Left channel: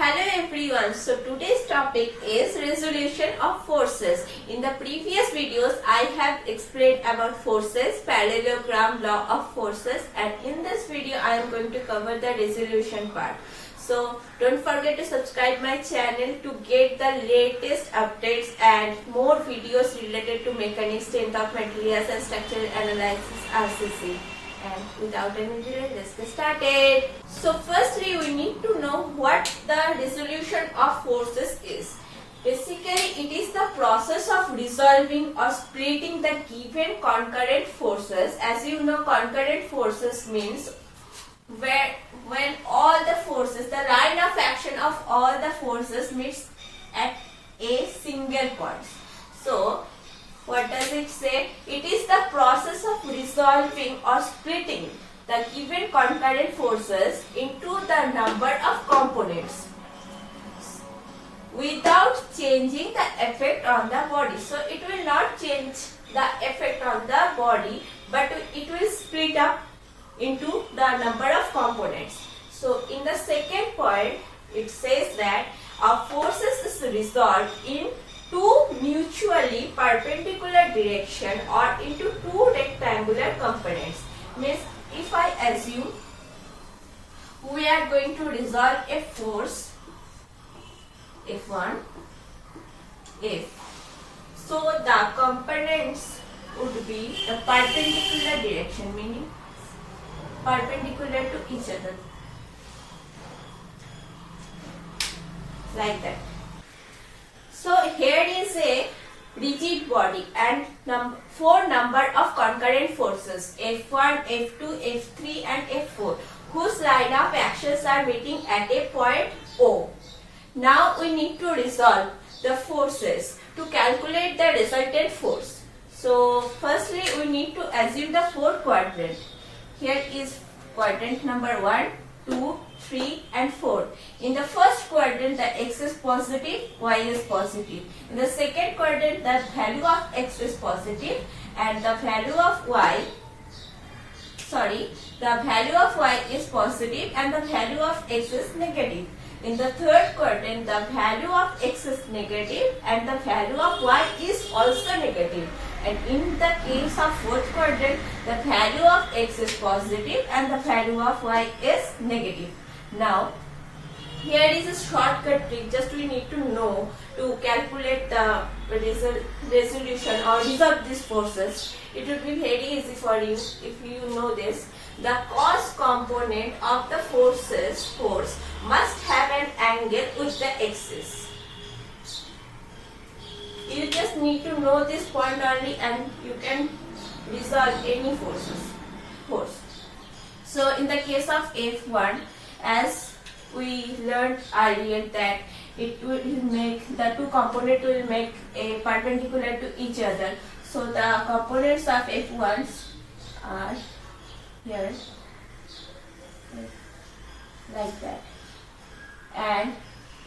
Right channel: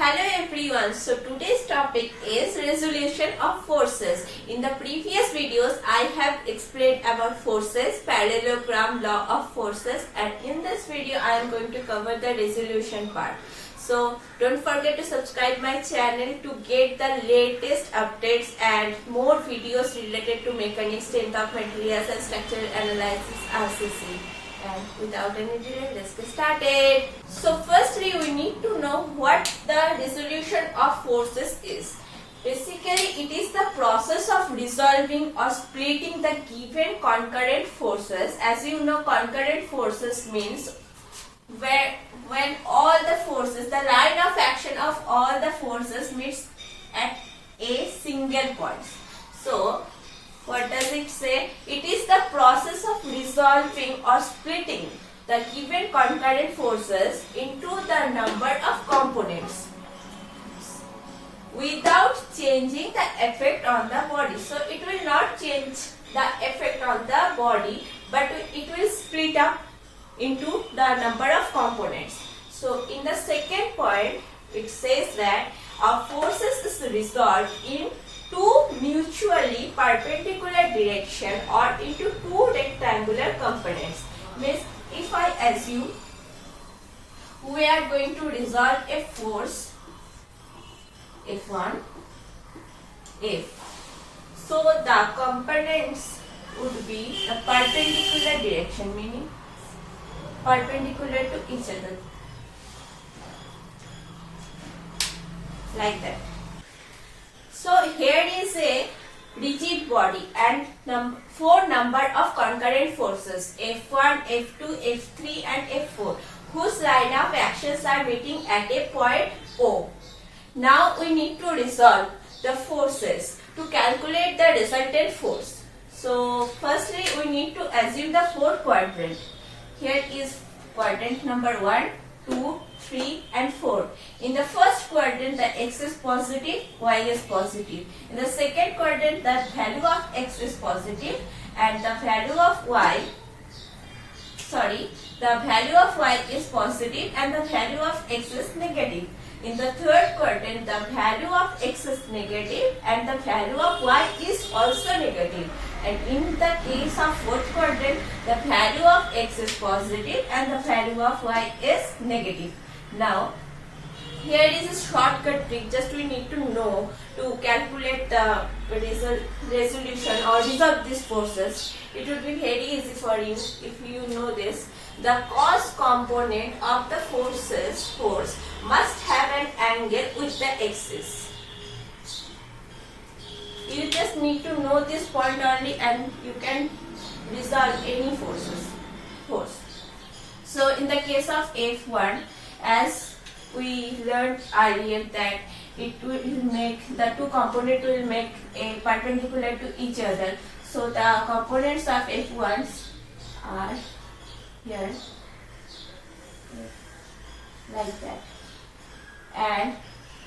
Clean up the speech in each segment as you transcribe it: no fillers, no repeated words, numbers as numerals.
Hello everyone, so today's topic is resolution of forces. In the previous videos, I have explained about forces, parallelogram law of forces, and in this video I am going to cover the resolution part. So don't forget to subscribe my channel to get the latest updates and more videos related to mechanics, strength of materials and structural analysis RCC. And without any delay, let's get started. So firstly, we need to know what the resolution of forces is. Basically, it is the process of resolving or splitting the given concurrent forces. As you know, concurrent forces means when all the forces, the line of action of all the forces meets at a single point. So what does it say? It is the process of resolving or splitting the given concurrent forces into the number of components without changing the effect on the body. So it will not change the effect on the body, but it will split up into the number of components. So in the second point, it says that a forces is resolved in two mutually perpendicular direction or into two rectangular components. Means if I assume we are going to resolve a force F1, F. So the components would be the perpendicular direction, meaning perpendicular to each other, like that. So here is a rigid body and four number of concurrent forces F1, F2, F3 and F4 whose line of actions are meeting at a point O. Now we need to resolve the forces to calculate the resultant force. So firstly we need to assume the fourth quadrant. Here is quadrant number 1, 2, 3 and 4. In the first quadrant the x is positive, y is positive. In the second quadrant the value of x is positive and the value of y is positive and the value of x is negative. In the third quadrant the value of x is negative and the value of y is also negative. And in the case of fourth quadrant, the value of x is positive and the value of y is negative. Now, here is a shortcut trick. Just we need to know to calculate the resolution or resolve these forces. It will be very easy for you if you know this. The cos component of the force must have an angle with the axis. You just need to know this point only and you can resolve any force. So in the case of F1, as we learned earlier that it will make, the two components will make a perpendicular to each other. So the components of F1 are here, like that. And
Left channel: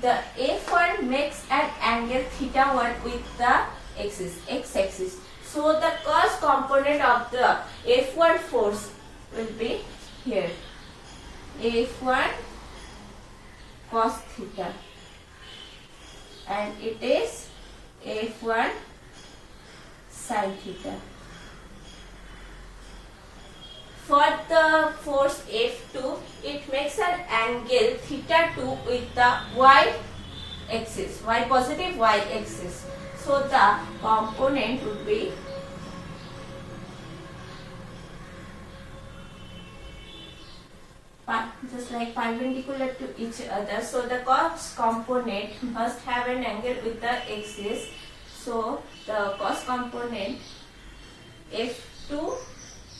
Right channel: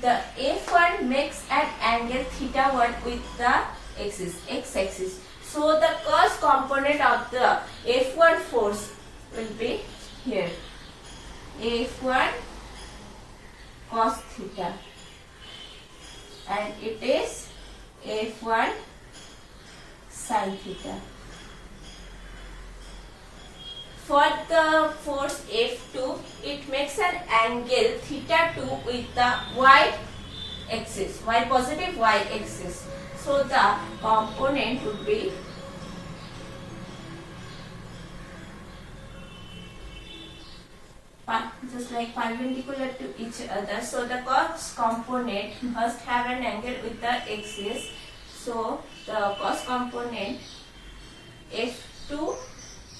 the F1 makes an angle θ1 with the x-axis. So the cos component of the F1 force will be here. F1 cos θ. And it is F1 sin θ. For the force F2, it makes an angle θ2 with the y-axis, y positive y-axis. So the component would be just like perpendicular to each other. So the cos component must have an angle with the axis. So the cos component F2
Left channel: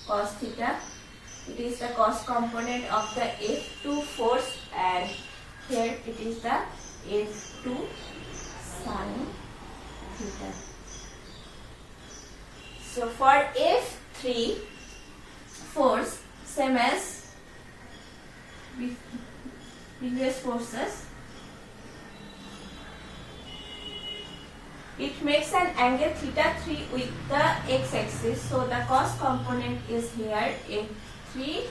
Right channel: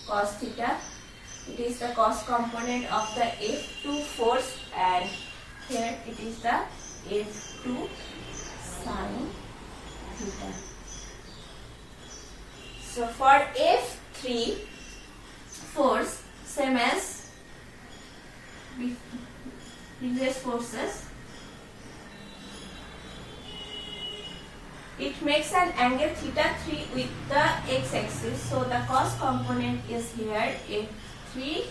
cos θ. It is the cos component of the F2 force and here it is the F2 sin θ. So for F3 force, same as previous forces, it makes an angle θ3 with the x-axis. So the cos component is here F3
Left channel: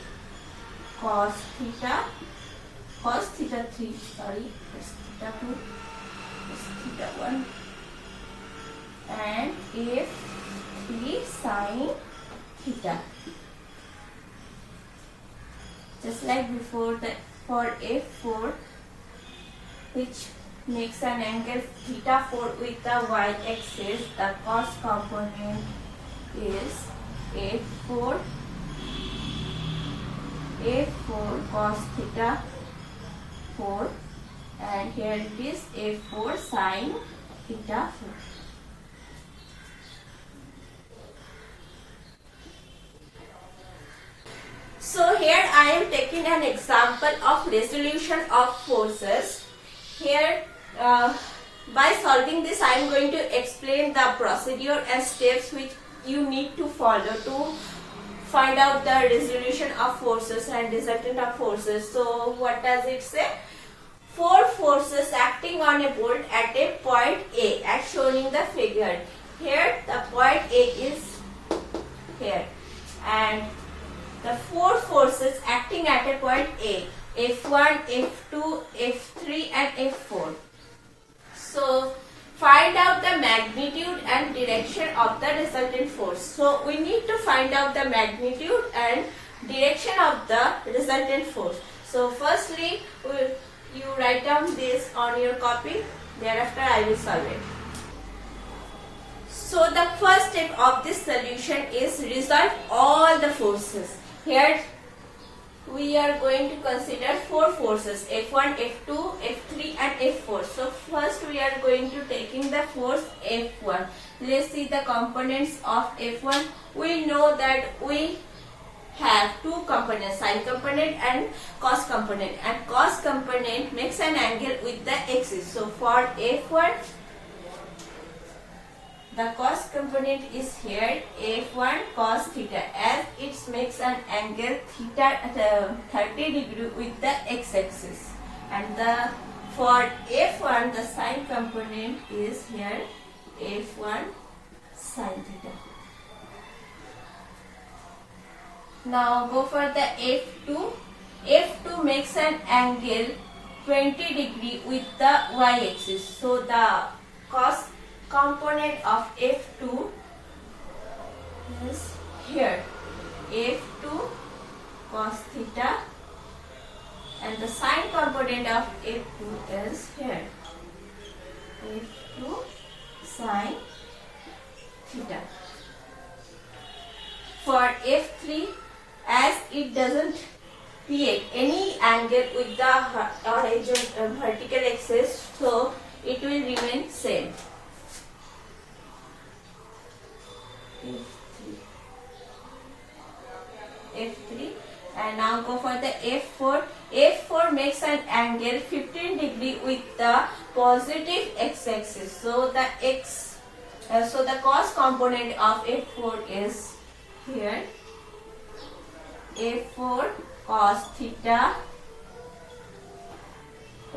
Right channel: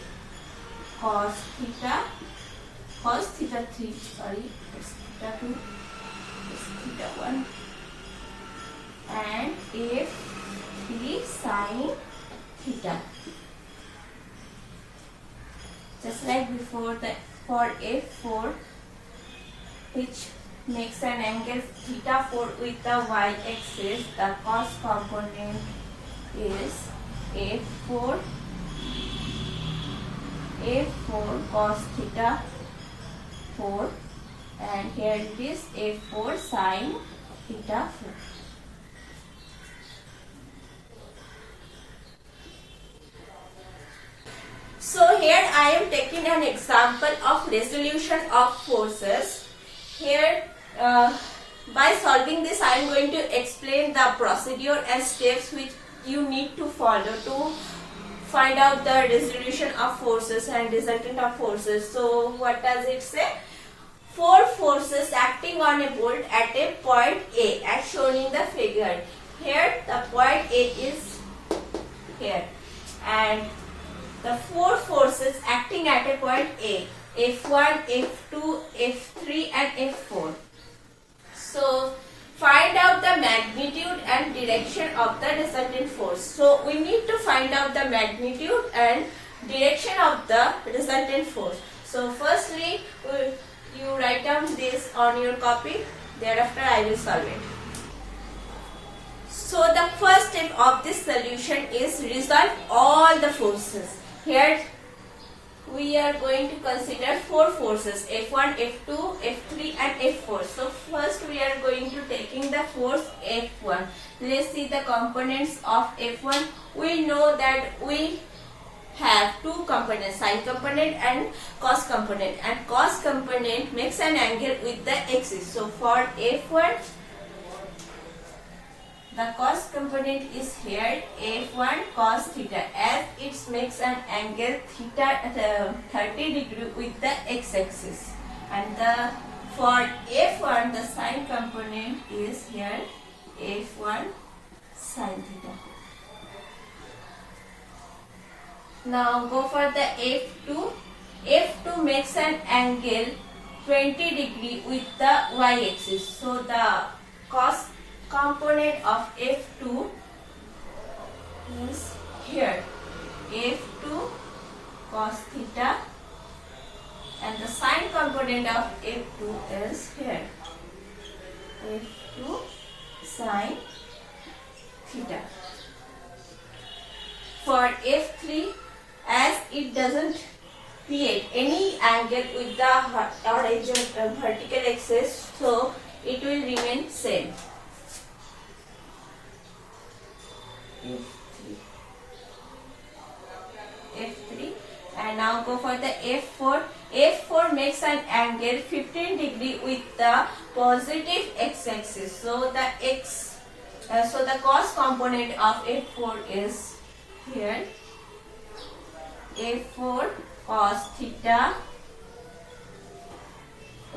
cos θ cos theta 3, sorry, it's theta 2, it's theta 1, and F3 sin theta. Just like before, for F4, which makes an angle theta 4 with the y-axis, the cos component is F4 cos theta 4, and here it is F4 sin theta 4. So here I am taking an example of resolution of forces. Here by solving this I am going to explain the procedure and steps which you need to follow to find out the resolution of forces and resultant of forces. So what does it say? Four forces acting on a bolt at a point A as shown in the figure. Here the point A is here, and the four forces acting at a point A, F1, F2, F3 and F4. So find out the magnitude and direction of the resultant force. So we need to find out the magnitude and direction of the resultant force. So firstly, you write down this on your copy, thereafter I will solve it. So the first step of this solution is resolve all the forces. Here we are going to consider four forces, F1, F2, F3 and F4. So first we are going to taking the force F1. Let's see the components of F1. We know that we have two components, sine component and cos component, and cos component makes an angle with the axis. So for F1, the cos component is here F1 cos theta, as it makes an angle theta 30 degree with the x-axis, and for F1 the sine component is here F1 sin theta. Now go for the F2. F2 makes an angle 20 degree with the y-axis. So the cos component of F2 is here F2 cos theta, and the sine component of F2 is here F2 sin theta. For F3, as it doesn't create any angle with the horizontal vertical axis, so it will remain same. F3, and now go for the F4. F4 makes an angle 15 degree with the positive x-axis. So the cos component of F4 is here F4 cos theta.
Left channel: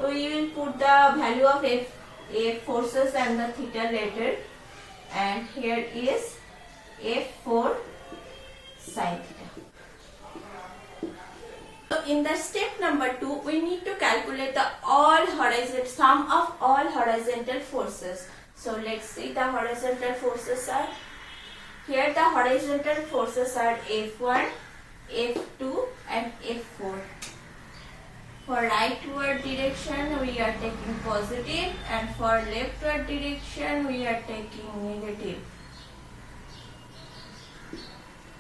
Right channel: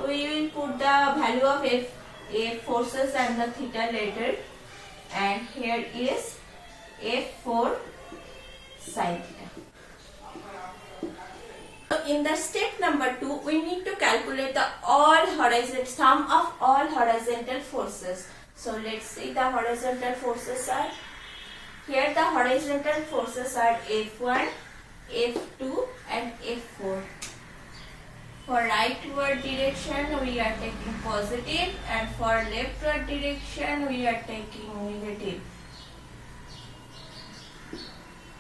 We will put the value of F forces and the theta later, and here is F4 sin theta. So in the step number 2, we need to calculate the sum of all horizontal forces. So let's see, the horizontal forces are here. The horizontal forces are F1, F2 and F4. For rightward direction we are taking positive, and for leftward direction we are taking negative.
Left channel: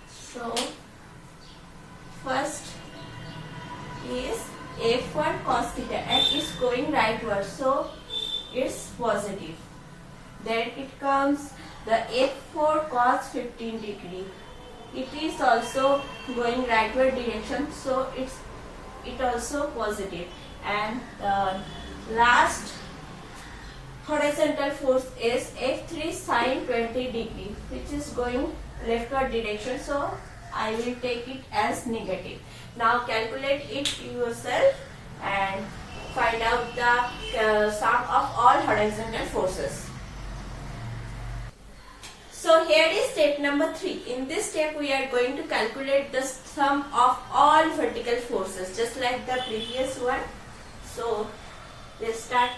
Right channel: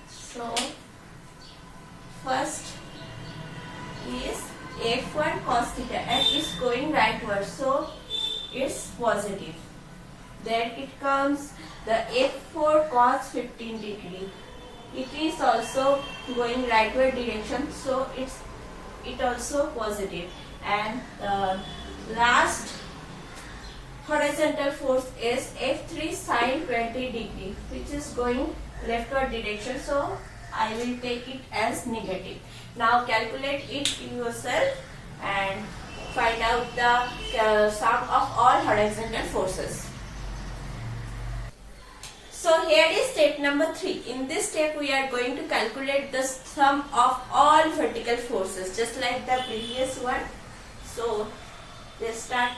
So first is F1 cos theta, and it's going rightward, so it's positive. Then it comes the F4 cos 15 degree. It is also going rightward direction, so it also positive. And the last horizontal force is F3 sin 20 degree, which is going leftward direction, so I will take it as negative. Now calculate it yourself and find out the sum of all horizontal forces. So here is step number 3. In this step we are going to calculate the sum of all vertical forces, just like the previous one. So let's start.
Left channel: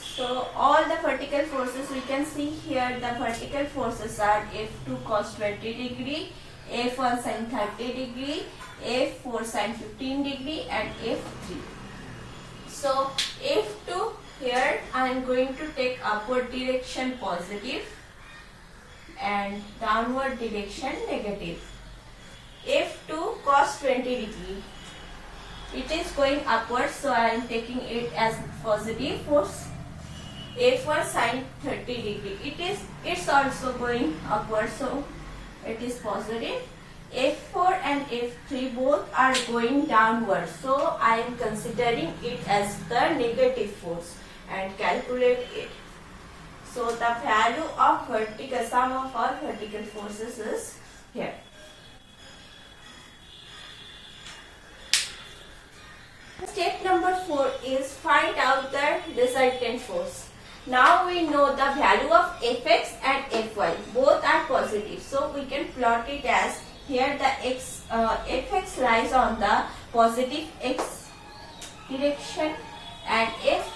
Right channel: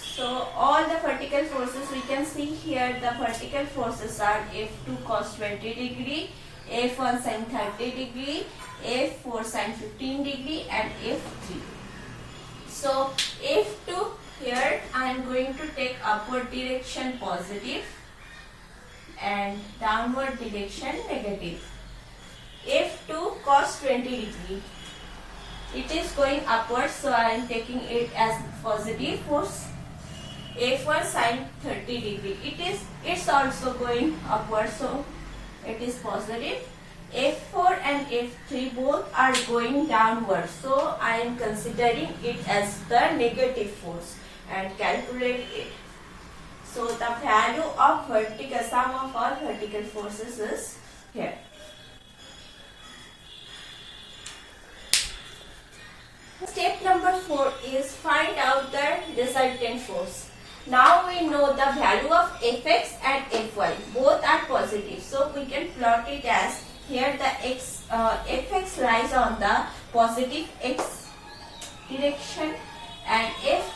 So all the vertical forces we can see here, the vertical forces are F2 cos 20 degree, F1 sin 30 degree, F4 sin 15 degree and F3. So F2 here I am going to take upward direction positive and downward direction negative. F2 cos 20 degree. It is going upward, so I am taking it as positive force. F1 sin 30 degree. It's also going upward, so it is positive. F4 and F3 both are going downward, so I am considering it as the negative force and calculate it. So the value of sum of all vertical forces is here. Step number 4 is find out the resultant force. Now we know the value of Fx and Fy. Both are positive. So we can plot it as here the Fx lies on the positive x direction and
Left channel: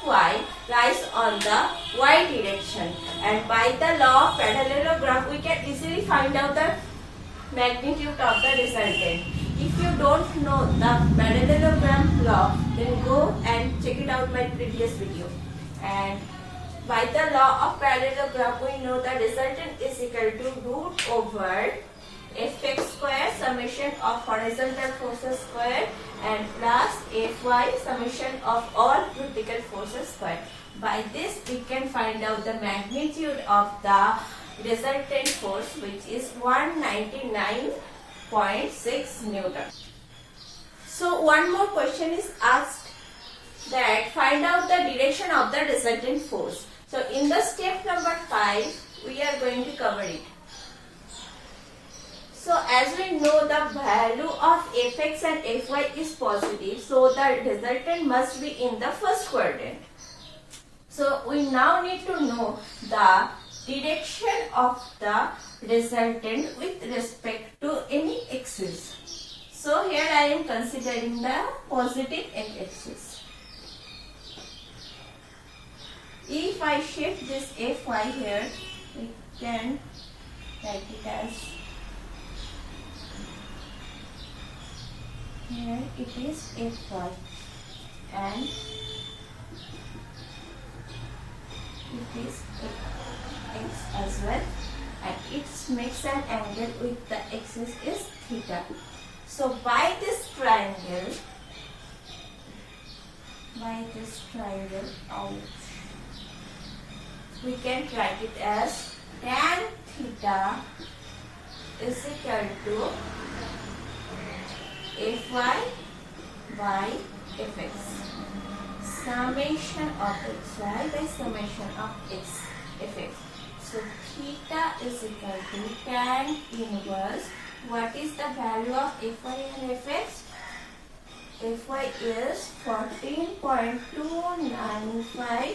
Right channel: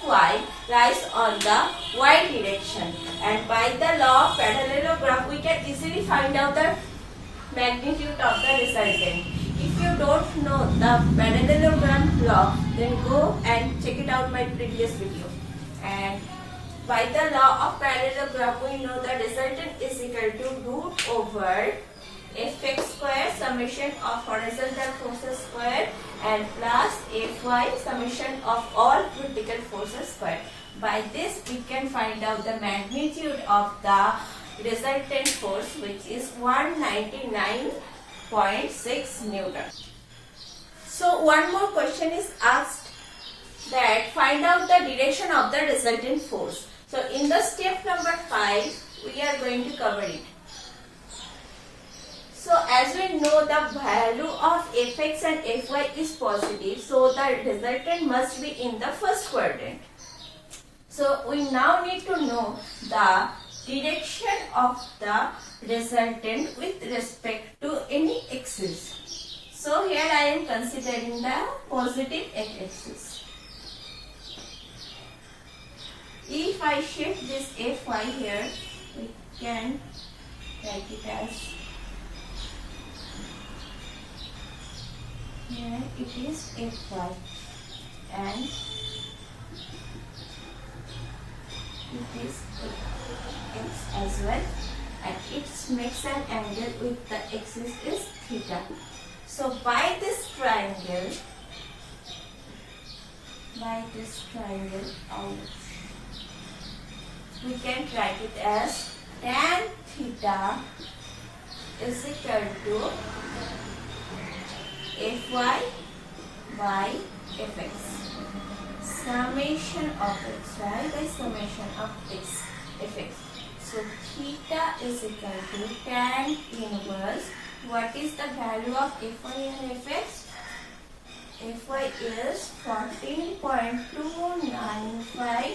Fy lies on the y direction. And by the law of parallelogram we can easily find out the magnitude of the resultant. If you don't know the parallelogram law, then go and check it out my previous video. And by the law of parallelogram, we know the resultant is equal to root over Fx square summation of horizontal forces square and plus Fy summation of all vertical forces square. By this we can find out the magnitude of the resultant force, which is 199.6 Newton. So one more question is asked, that find out the direction of the resultant force. So in the step number 5 we are going to cover it. So as we know the value of Fx and Fy is positive, so the resultant must be in the first quadrant. So we now need to know the direction of the resultant with respect to any axis. So here I am considering the positive x-axis. If I shift this Fy here, we can write it as, here it is Fy and it is x as well, and it makes an angle with the axis is theta. So by this triangle, we can write it as tan theta is equal to Fy by Fx. Summation of xy by summation of Fx. So theta is equal to tan inverse. What is the value of Fy and Fx? Fy is 14.295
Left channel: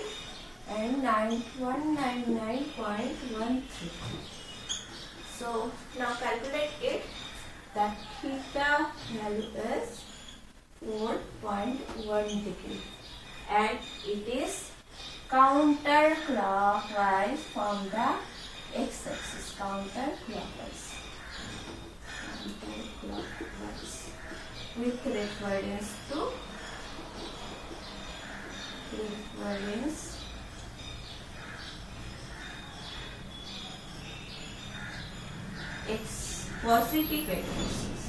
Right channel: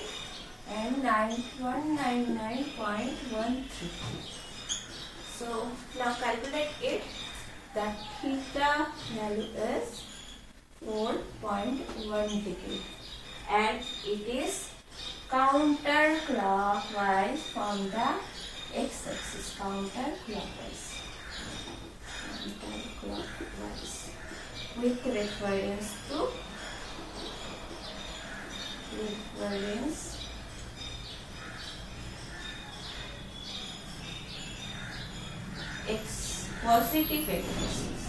and 199.13. So now calculate it. The theta value is 4.1 degree and it is counterclockwise from the x-axis. Counterclockwise with reference to x positive x-axis.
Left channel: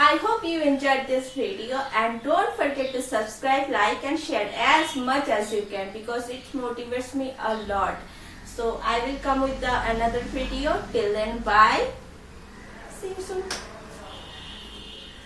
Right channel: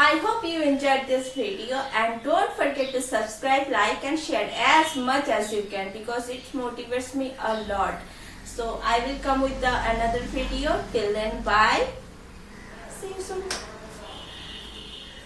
I hope you enjoyed this video, and don't forget to subscribe, like and share as much as you can, because it motivates me a lot. So I will come with another video. Till then, bye. See you soon.